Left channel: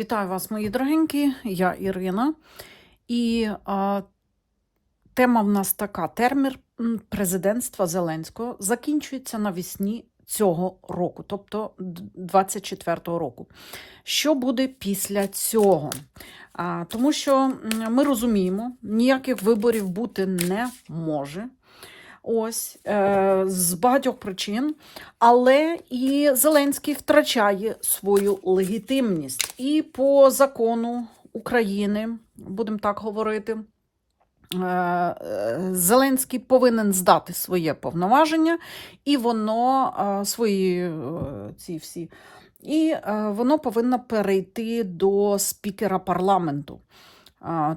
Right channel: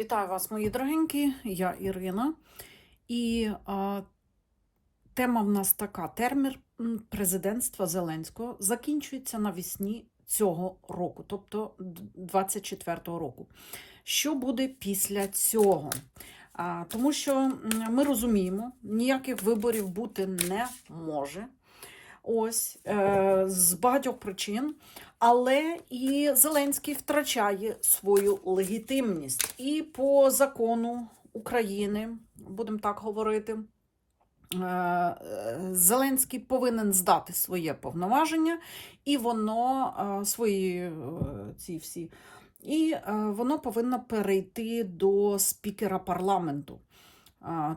Вітаю вас, мої дорогенькі, я Ірина. І а, тема в нас така: термін президентства Зеленського закінчується навесні цього року, тобто 24-го року. Що буде після цього? А, тому що ми розуміємо, ніяких виборів бути не може. Ось е, з багатьох причин, але і Зеленський втрачає свою легітимність. І по закону України, будемо так говорити, е, Зеленський повинен здати своє повноваження, і воно е, свої е, ці всі. І е, воно повинно перейти до спікера парламенту.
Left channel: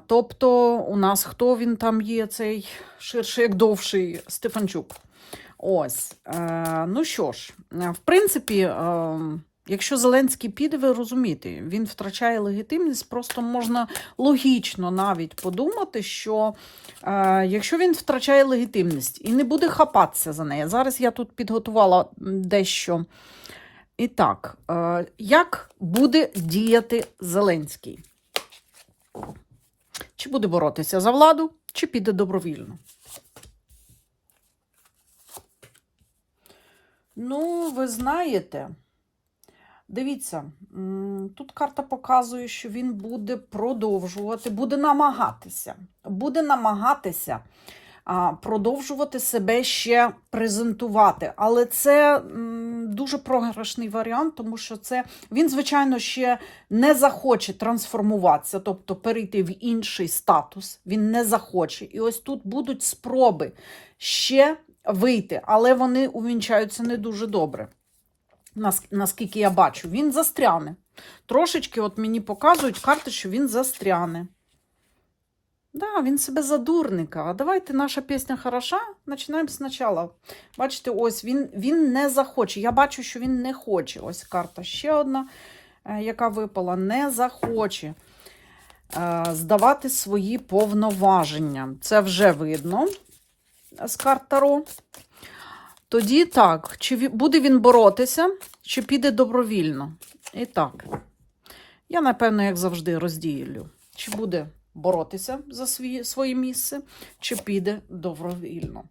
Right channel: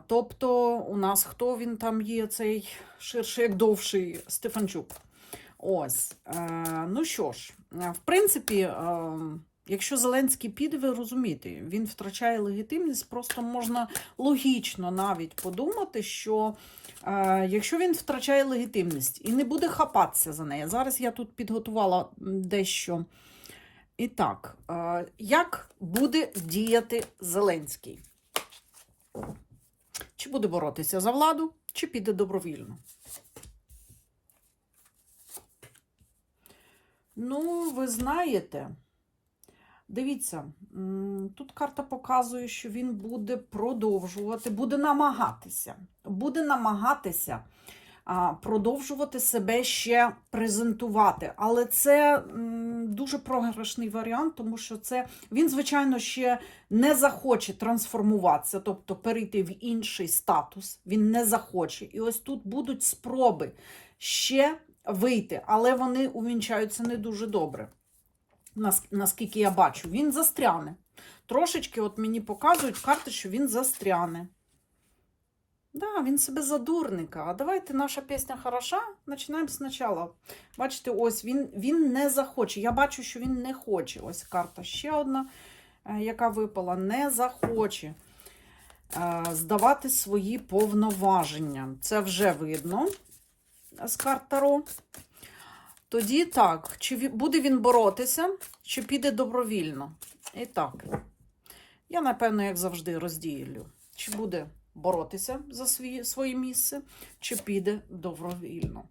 Тобто, у нас хто він там є, цей ширший, як довший Стефанчук. Ось. Е, ну що ж, е, в принципі, е, якщо Зеленський піде, ви розумієте, він втрачає легітимність, просто можна логічно навіть подумати, що якщо він втрачає легітимність і не буде хапатися за неї, зараз я тут підготувала дещо. І так, як буде діяти Зеленський? Чи буде боротися за владу, чи піде добровільно? Ну, ви знаєте, дивіться, тут карта показує, що він буде продовжувати, буде намагатися, буде намагатися продовжувати себе ще презентувати. Але це дуже програшний варіант, тому що це він, звичайно, ще не захоче трансформуватися, тобто перейти в інший статус. Він не захоче. І ось тут будуть спроби ще вийти, але вони увінчаються не дуже добре. Наскільки я бачу, він застряне. Трошечки, от мені показують карти, що він застряне. Да, він себе за дурника. А давайте наша пісня хороша. Починаємо спочатку. Бачите, ось він, він не захоче. Я бачу, що він не хоче. Ось карта ще одна, е, яка випала, не захоче е, здавати свої повноваження. Це вже видно з карт Таро. Тоді так, чи буде він боротися, чи піде добровільно? І так, я, напевно, як завжди, розділю, чи буде боротися за свій, своє місце, чи піде добровільно.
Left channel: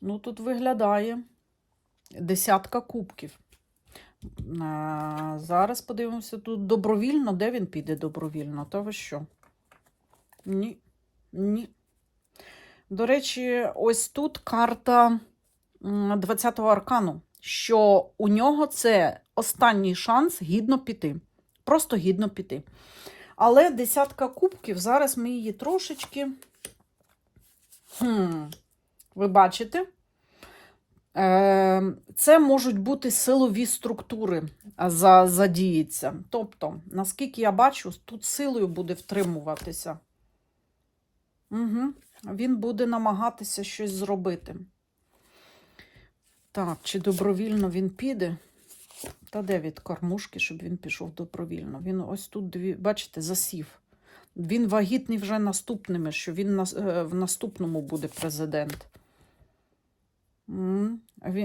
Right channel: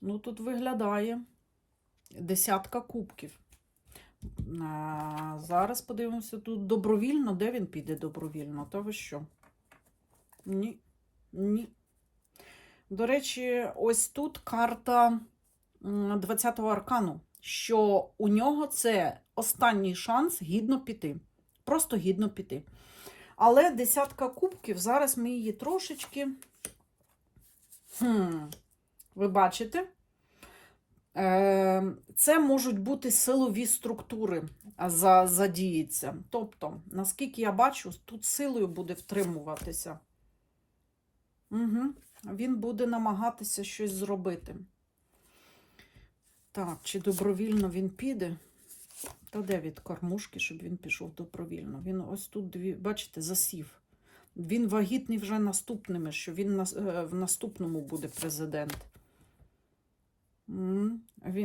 Ну, тут виглядає десятка кубків. А, зараз подивимося тут добровільно, де він піде добровільно, то ви що? Ні. Ні. До речі, ось тут карта 20-го аркану, що у нього це останній шанс гідно піти. Просто гідно піти. Але десятка кубків, зараз ми її трошечки. Хм, ви бачите? Е, Це можуть бути силові структури задіються. Тобто, наскільки я бачу, тут силою буде втримуватися. Угу. Він буде намагатися щось зробити. Так, чи добровільно він піде? Та де від кормушки, щоб він пішов добровільно? Він ось тут, бачите, засів. Він вагітний вже наступними, що він е, в наступному буде президент.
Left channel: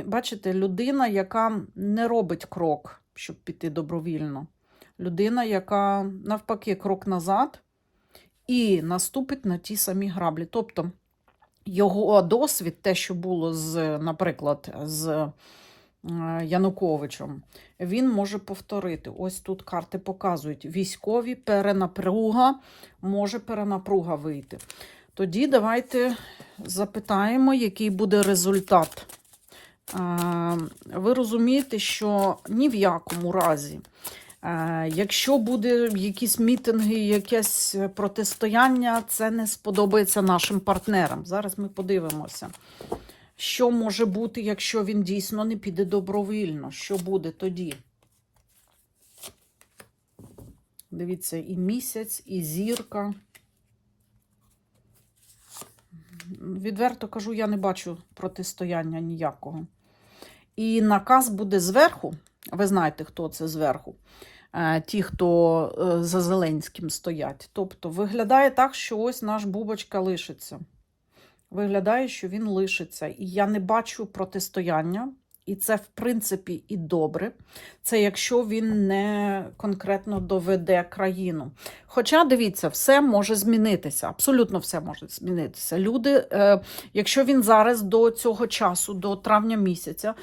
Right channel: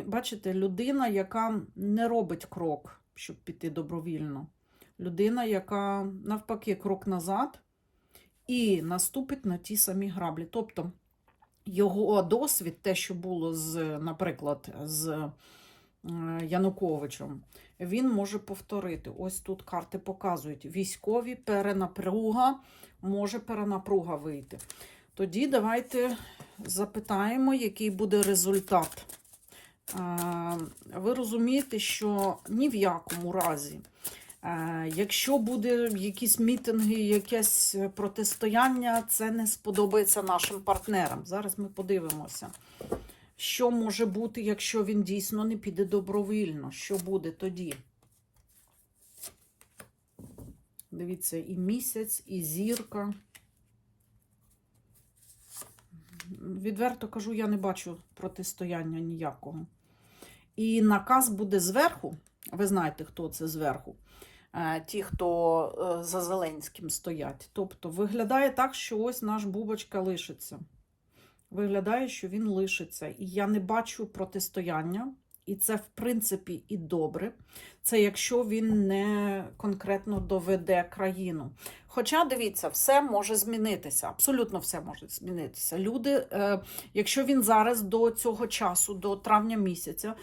Бачите, людина, яка не робить крок, щоб піти добровільно. Людина, яка навпаки крок назад і наступить на ті самі граблі. Тобто його досвід, те, що було з, наприклад, з Януковичем, він може повторити. Ось тут карти показують: військові перенапруга, може перенапруга вийти. Тоді давайте запитаємо, який буде результат. Е, Ви розумієте, що ні в якому разі, е, якщо буде якісь мітинги, якесь протистояння, це не сподобається нашим партнерам. Зараз ми подивимося, що може бути, якщо він дійсно не піде добровільно. Що буде тоді? Дивіться, і місяць, і зірка. Відверто кажу, я не бачу протистояння ніякого. І наказ буде зверху. Ви знаєте, хто це зверху. Е, Ті, хто е, за Зеленським стоять. Тобто виглядає так, що ось наш Бубочка лишиться. Виглядає, що він лишиться. І я не бачу протистояння І це, в принципі, і добре. Це якщо він не конкретно доведе країну. Хоча, дивіться, все може змінитися. Абсолютно все може змінитися. Люди, е, якщо він зараз до цього часу, до травня місяця,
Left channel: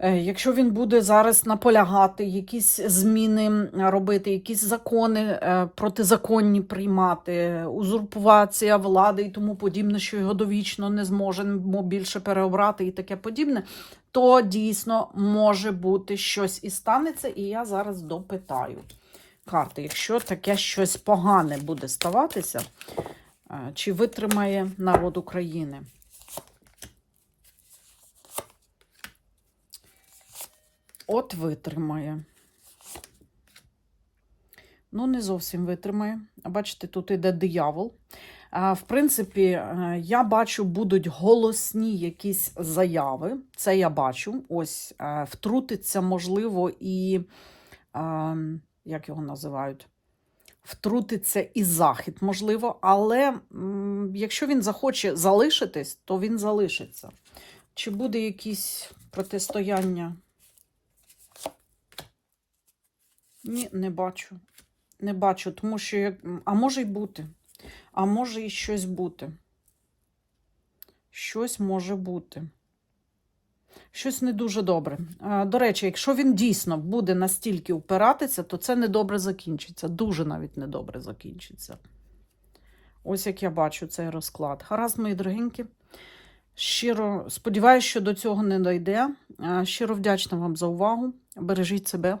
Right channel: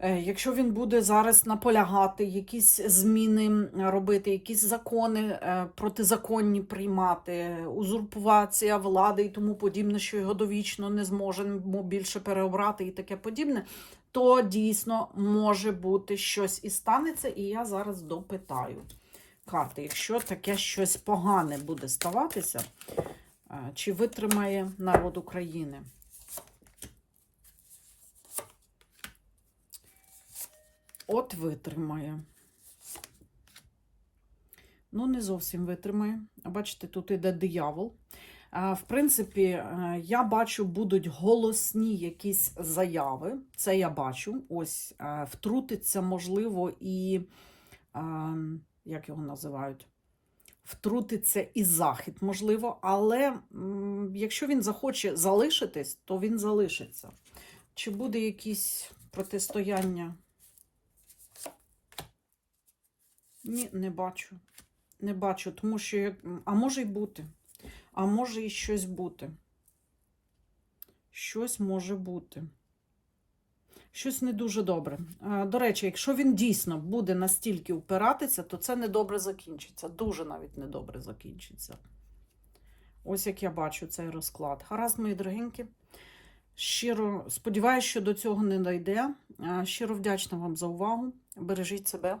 Якщо він буде зараз наполягати, якісь зміни робити, якісь закони е, протизаконні приймати, узурпація влади і тому подібне, що його довічно не зможемо більше переобрати і таке подібне, то дійсно може бути щось і станеться, і я зараз допитаю карти. Якщо таке щось погане буде ставатися, е, чи витримає народ України? От витримає. Ну, не зовсім витримає. Бачите, тут іде диявол. В принципі, е, я бачу, будуть голосні якісь заяви. Це я бачу. Ось е, втрутиться, можливо, і е, як його називають? Втрутиться і захід, можливо, але якщо він захоче залишитись, то він залишиться. Чи буде якісь протистояння? Ні, не бачу. Не бачу, тому що як. А може й бути. А може і щось бути. Щось може бути. Щось не дуже добре. До речі, якщо він дійсно буде настільки упиратися, то це недобре закінчиться. Дуже навіть недобре закінчиться. Ось як я бачу цей розклад. Гаразд, мої дорогенькі. Щиро сподіваюся, що до цього не дойде. Щиро вдячна вам за увагу. Бережіть себе